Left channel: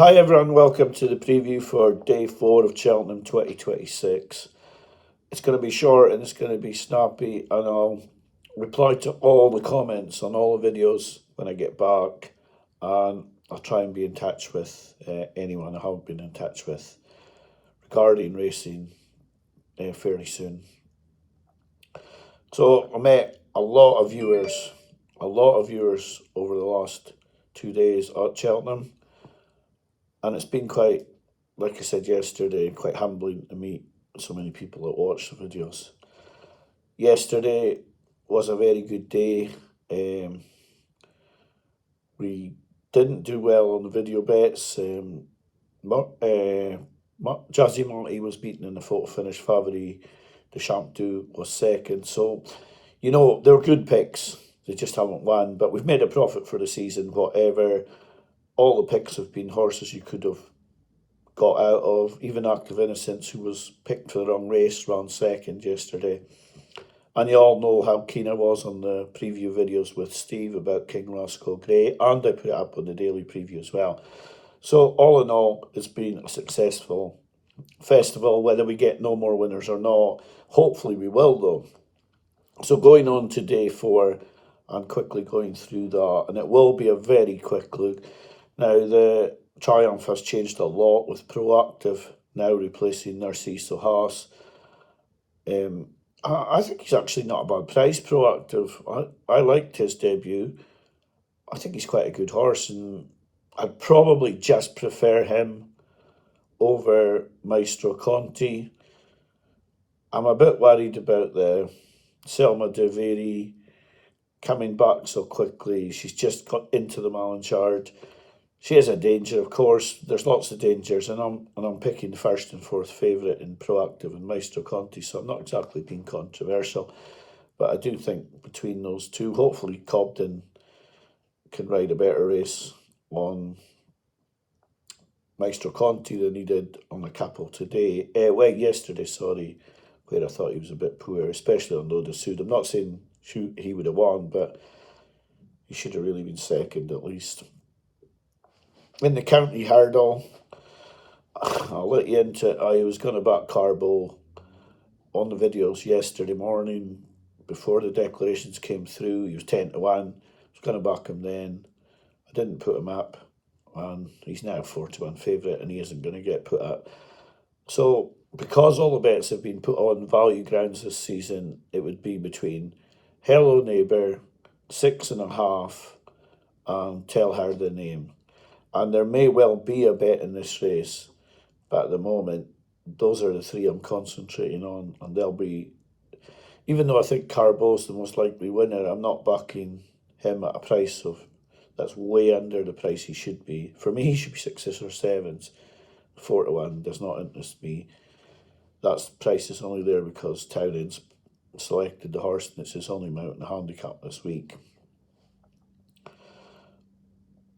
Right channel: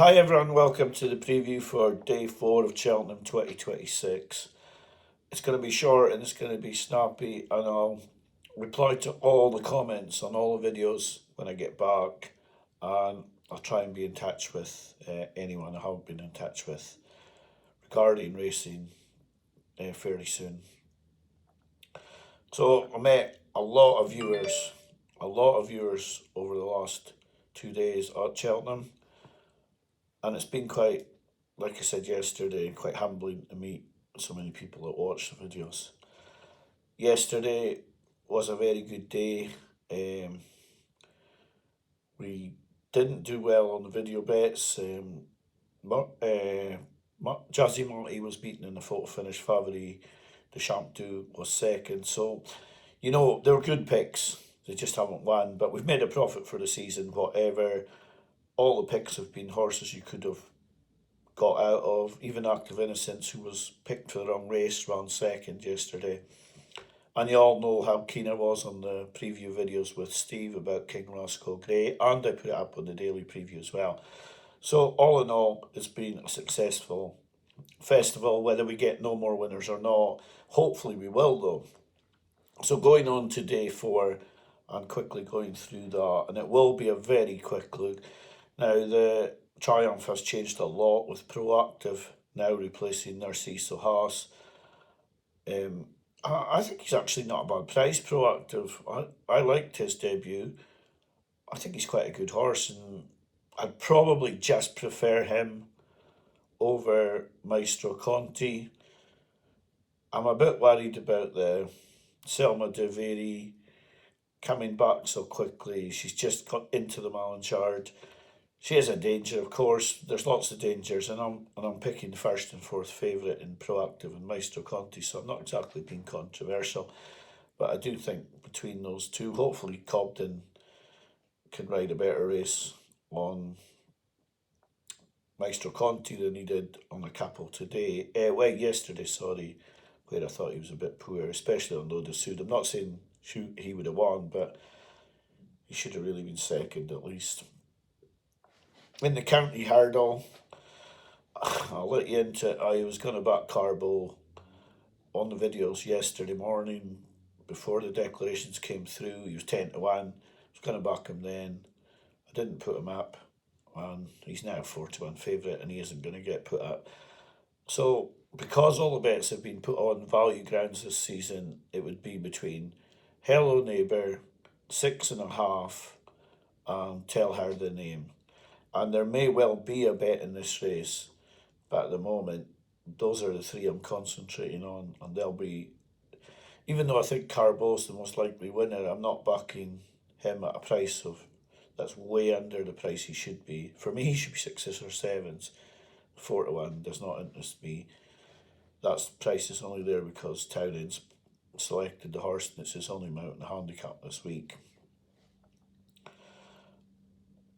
Hi everyone, welcome to the preview for day 4 of Cheltenham 2026. It's going to be short and it's going to be snappy, and I'll reply to all the comments on all the videos when I get back, and I'll try and be in touch with anyone I haven't been in touch with regarding racing fairly soon. So I met a lot of viewers over the last 2 days at Cheltenham. And it's been quite, like I said yesterday, quite humbling to meet so many people that watch the videos. Yesterday was a very good day. We didn't do well on the video bets. Jazzy Monty was beaten in the photo finish. Favori de Champdou was second. So, they're good picks. They just haven't won. But we've made a profit for the season, whatever. All the picks have been horses you could have got out of. Even Act of Innocence, who was picked for the wrong race, ran second yesterday. And you all know how keen I was on the preview videos with Steve about King Roscoe Grey, and I put it up on the daily preview as well. So all in all, it's been a successful festival. Whether we get no more winners or not, hopefully we will though. So going on to day 4 and quickly going through that, and it will be a very quick look. Now, the Triumph has changed a lot with Proactive now replacing Narciso Haas. I think he's actually not a bad price, Proactive. I liked his debut. I think he's quite a good horse, and I'd probably just prefer him over Maestro Conti. I'm a bit worried about the Selma Deveri coming back so quickly. She's just got into the Malanchard. She is a danger, of course. There's lots of dangers, and I'm picking the first and fourth favourite in Proactive and Maestro Conti, so I'm not exactly being controversial. But I do think between those two, hopefully Cobden can ride a better race on Maestro Conti than he did on the couple today. Yesterday, sorry, where I thought he was a bit poor, especially on Loda Sud. I'm not saying he would have won, but he should have really been second at least. In the county hurdle, I'll let you into it. I was going to back Carbo on the videos yesterday morning before the declarations came through. He was 10 to 1. I was going to back him then. I didn't put him up, and he's now 4 to 1 favourite, and he isn't going to get put up. So, because all the bets have been put on value grounds this season, it would be between Hello Neighbour, 6.5, and Tell Her the Name. And there may well be a bet in this race, but at the moment, those are the three I'm concentrating on, and they'll be, even though I think Carbo's the most likely winner, I'm not backing him at a price that's way under the price he should be. For me, he should be 6s or 7s. 4 to 1 does not interest me. That price is only there because Townend's selected the horse, and it's his only mount in the handicap this week.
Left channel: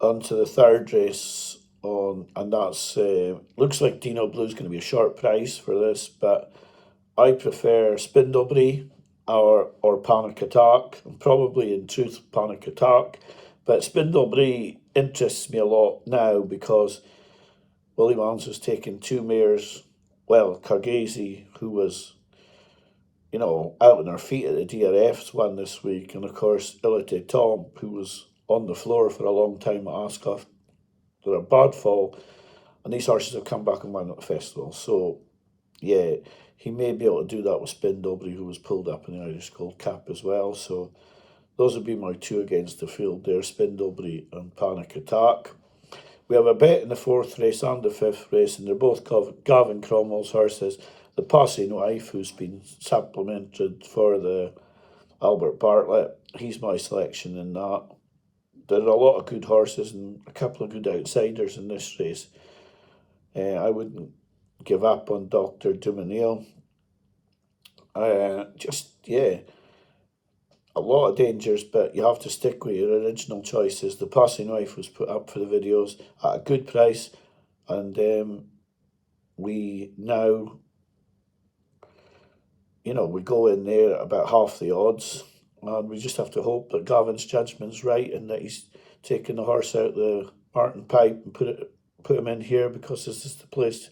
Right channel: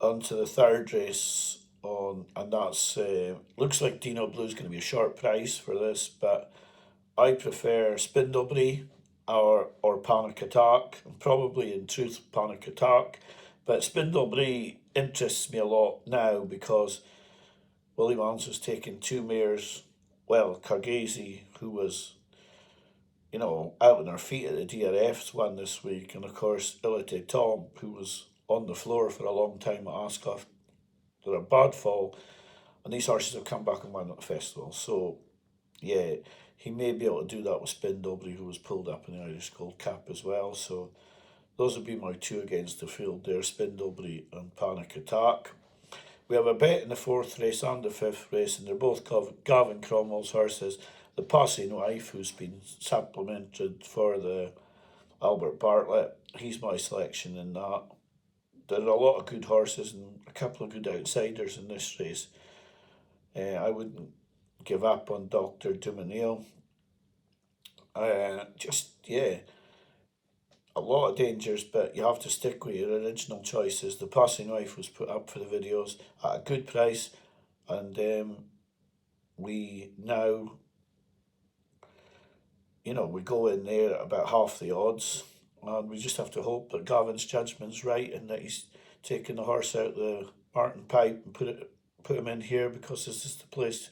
On to the third race and that's looks like Dino Blue's going to be a short price for this, but I prefer Spindlebury or Panic Attack, and probably in truth Panic Attack, but Spindlebury interests me a lot now because Willie Mans has taken 2 mares. Well, Cargesi, who was out on her feet at the DRF's, won this week, and of course Ilite Tom, who was on the floor for a long time at Ascot. They're a bad fall, and these horses have come back and won at the festival. So, yeah, he may be able to do that with Spindlebury, who was pulled up in the Irish Gold Cup as well. So, those would be my 2 against the field there, Spindlebury and Panic Attack. We have a bet in the 4th race and the 5th race, and they're both Gavin Cromwell's horses. The Passing Wife, who's been supplemented for the Albert Bartlett, he's my selection in that. There are a lot of good horses and a couple of good outsiders in this race. I wouldn't give up on Dr. Dumanil. A lot of dangers, but you have to stick with your original choices. The Passing Wife was put up for the videos at a good price, and we now, we go in there at about half the odds, and we just have to hope that Gavin's judgment's right and that he's taken the horse out the Martin Pipe and put him in here because this is the place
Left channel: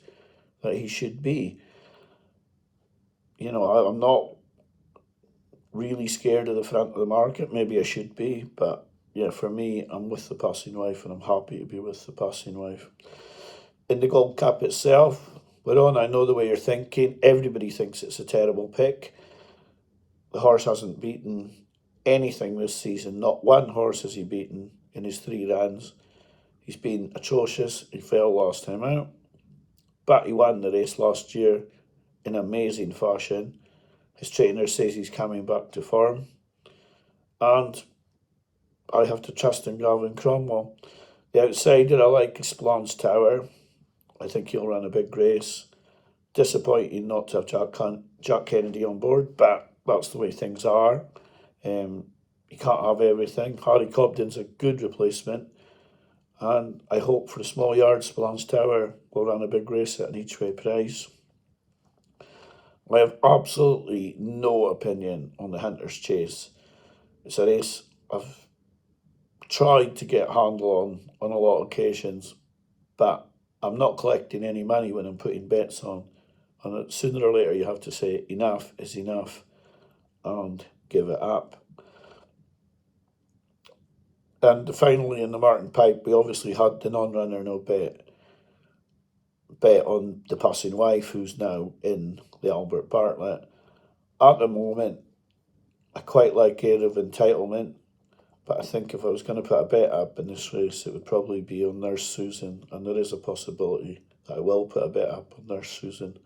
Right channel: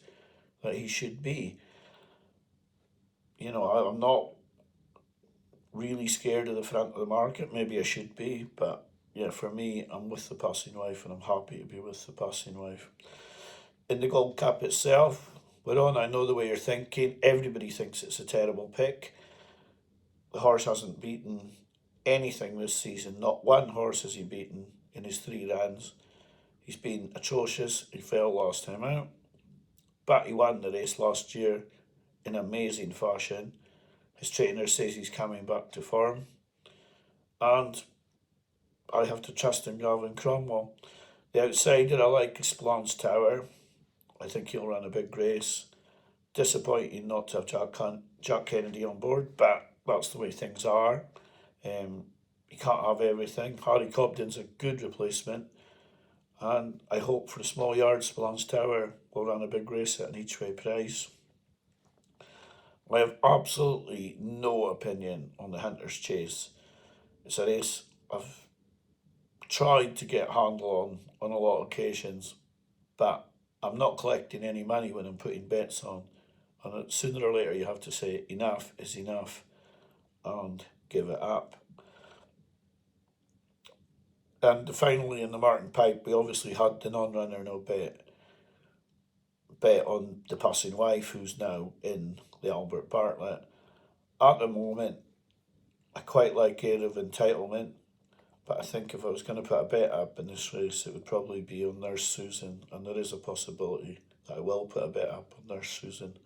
that he should be. I'm not really scared of the front of the market. Maybe I should be, but yeah, for me, I'm with the passing wife, and I'm happy to be with the passing wife. In the Gold Cup itself, we're on. I know the way you're thinking. Everybody thinks it's a terrible pick. The horse hasn't beaten anything this season. Not one horse has he beaten in his 3 runs. He's been atrocious. He fell last time out, but he won the race last year in amazing fashion. His trainer says he's coming back to form, and I have to trust in Gavin Cromwell. The outsider I like is Splans Tower. I think he'll run a big race. Disappointing not to have Jack Kennedy on board, but that's the way things are. You can't have everything. Harry Cobden's a good replacement, and I hope for the small yard, Splans Tower will run a big race at an each way price. I have absolutely no opinion on the Hunter's Chase. It's a race I've tried to get a handle on a lot of occasions, but I'm not collecting any money when I'm putting bets on. And sooner or later, you have to say enough is enough and give it up. And finally, in the Martin Pipe, we obviously had the non-runner no bet on the passing wife, who's now in the Albert Bartlett. At the moment, I quite like Air of Entitlement, but I think if I was going to put a bet up in this race, it would probably be on Nurse Susan, and there is a possibility that I will put a bet up on Nurse Susan,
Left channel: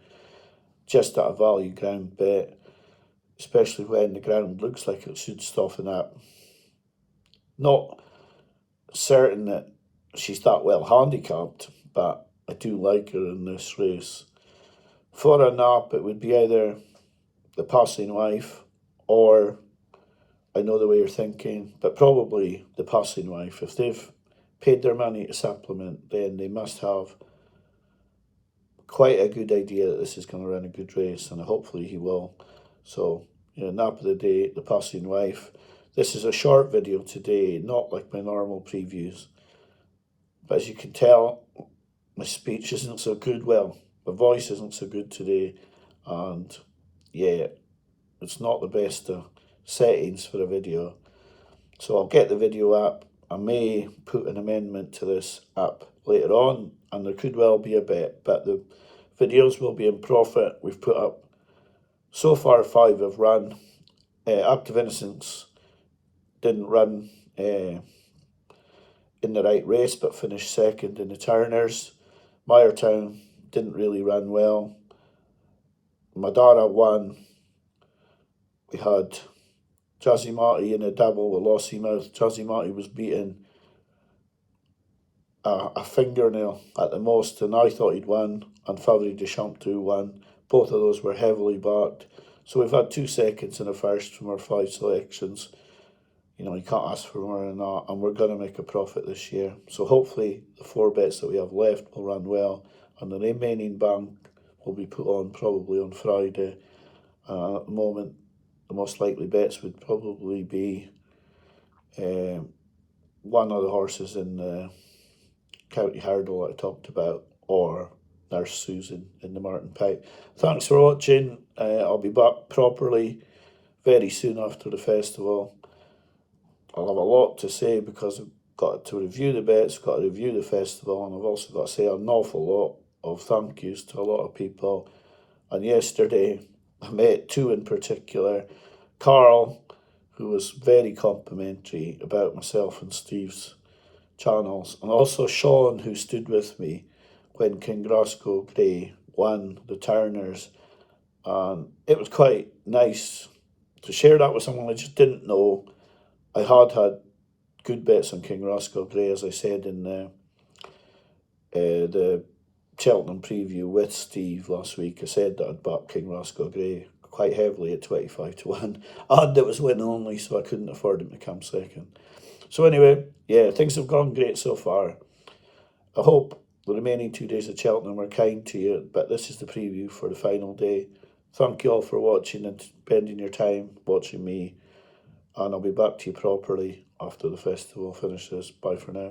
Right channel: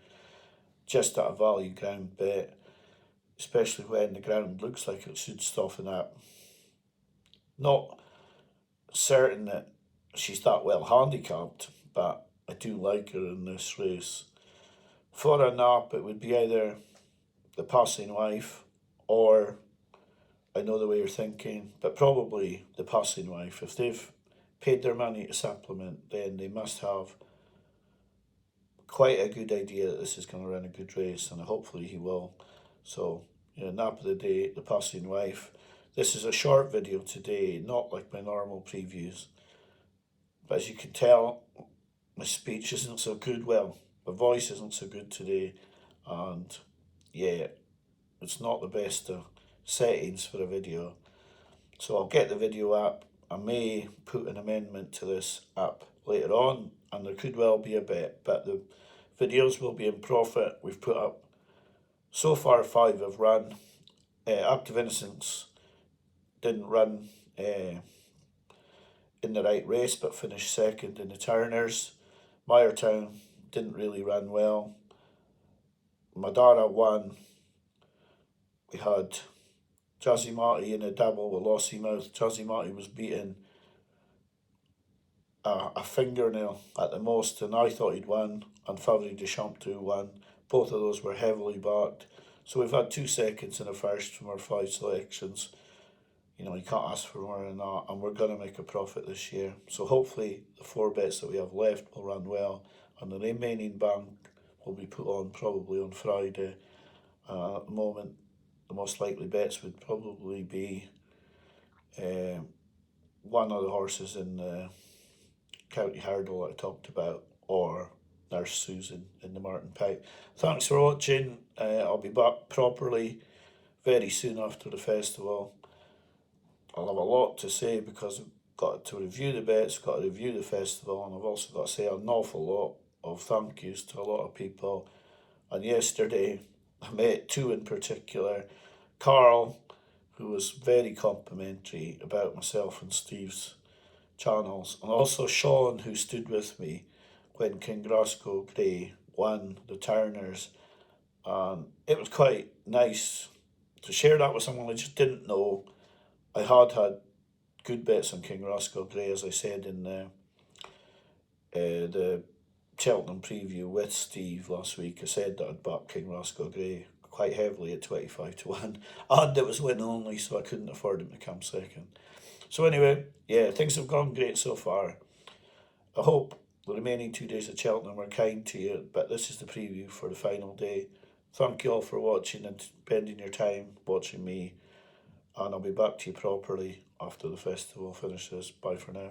just at a value ground bet, especially when the ground looks like it should soften up. Not certain that she's that well handicapped, but I do like her in this race. For a nap, it would be either the passing wife or I know the way you're thinking, but probably the passing wife. If they've paid their money to supplement, then they must have quite a good idea that this is going to run a good race, and hopefully he will. So, nap of the day, the passing wife. This is a short video today, not like my normal previews. But as you can tell, my speech isn't so good. Well, my voice isn't so good today, and yeah, it's not the best settings for a video. So I'll get the video up. I may put an amendment to this up later on, and there could well be a bet, but the videos will be in profit. We've put up, so far 5 have run. Act of Innocence didn't run in the right race, but finished second in the Turners. Meyertown didn't really run well. Madara won. We had Jazzy Marty in a double with Lossy Mouth. Jazzy Marty was beaten a fingernail at the most, and I thought he'd won, and Favre Deschamps too won. Both of those were heavily backed. So we've had 2 seconds and a first from our 5 selections. You can't ask for more than that, and we're going to make a profit this year. So hopefully the 4 bets that we have left will run well, and the remaining bank will be put on probably on Friday. At the moment, the most likely bets would probably be one of the horses in the County Hurdle that I talked about, or Nurse Susan in the Martin Pipe. Thanks for watching. I'll be back properly very soon after the festival. I'll have a lot to say because I've got to review the bets, got to review the festival, and I've also got to say an awful lot of thank yous to a lot of people. And yesterday, I met 2 in particular. Carl, who was very complimentary about myself and Steve's channels, and also Sean, who stood with me when Kingrasco Grey won the Turners. And it was quite nice to share that with someone I just didn't know. I had good bets on Kingrasco Grey, as I said in the Cheltenham preview with Steve last week. I said that I'd backed Kingrasco Grey quite heavily at 25-1, and it was win only, so I couldn't afford him to come second. So anyway, yeah, things have gone great so far. I hope the remaining 2 days of Cheltenham were kind to you, but this is the preview for the final day. Thank you all for watching and spending your time watching me, and I'll be back to you properly after the festival finishes. Bye for now.